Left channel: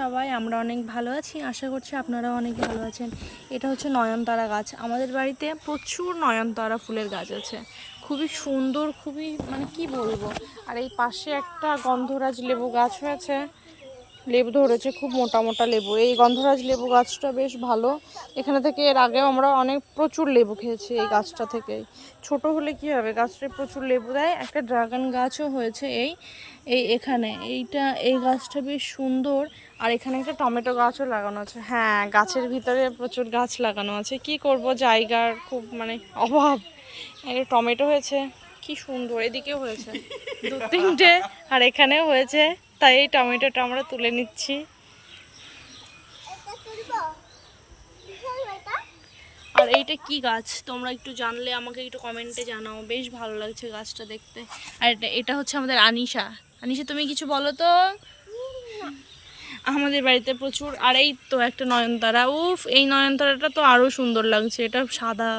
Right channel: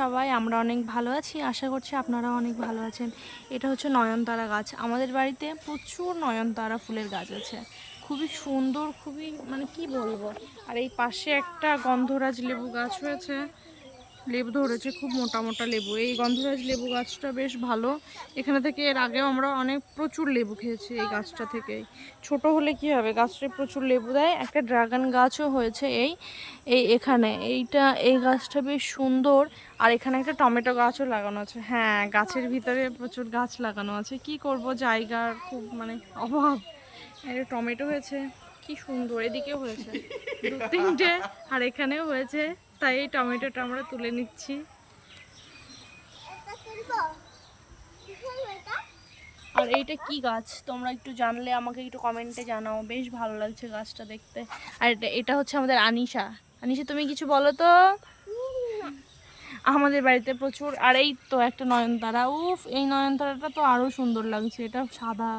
সবাই আমরা অনেক ভালো আছি, আশা করছি আপনারাও অনেক ভালো আছেন। এটা হচ্ছে নয়নতারা গাছ। আমাদের বাড়িতে প্রচুর নয়নতারা ফুলের গাছ আছে, খুবই সুন্দর, খুবই মানে কি বলবো। আর এই পাশে একটা গন্ধরাজ লেবু গাছ হয়েছে, লেবু ধরেছে, খুব মোটা মোটা লেবু। এই গন্ধরাজ লেবু গাছটা বেশ ভালো। এখানে থেকে এর আগেও আমরা প্রচুর লেবু খেয়েছি এই গাছটা থেকেই। ছোট হলে কি হবে, গাছটা প্রচুর লেবু দেয়। একটা ড্রাগন গাছও হয়েছে এখানে। এই গাছটা বেশ সুন্দর। আর এখানে একটা টমেটো গাছও লাগানো আছে। হ্যাঁ, গাছের ভিতরে প্রচুর গাছ লাগানো আছে, কি করব, জায়গার খুব মানে অভাব। একটা টমেটো হয়েছে, কি সুন্দর, এদিকেও হয়েছে দু তিনটে, আর এখানেও হয়েছে। তাই এই টমেটোটা আমরা তুলে নিচ্ছি। আর এইটা কি গাছ তোমরা একটু জানলে আমাকে একটু কমেন্টে জানাও, বেশ ভালো লাগছে গাছটা দেখতে। আর এটা হচ্ছে আমাদের আনিশা। আনিশা, তুমি কিছু বলো তো। আমাদের বাড়িতে প্রচুর। আর এই তো একটা নয়নতারা, উফ, এই নয়নতারাটা তো আরো সুন্দর লাগছে, এটা সাদা।